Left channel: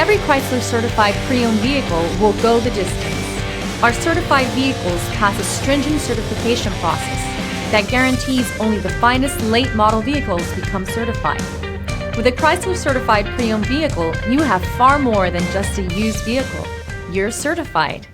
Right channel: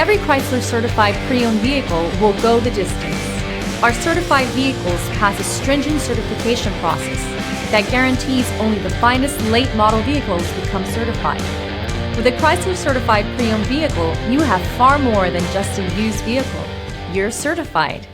Every Chrysler certified pre-owned vehicle will go the distance. Our certified vehicles pass a stringent certification process that guarantees only the finest late model vehicles become certified. With a Chrysler certified pre-owned vehicle, you have far more than just a used vehicle. You're certified.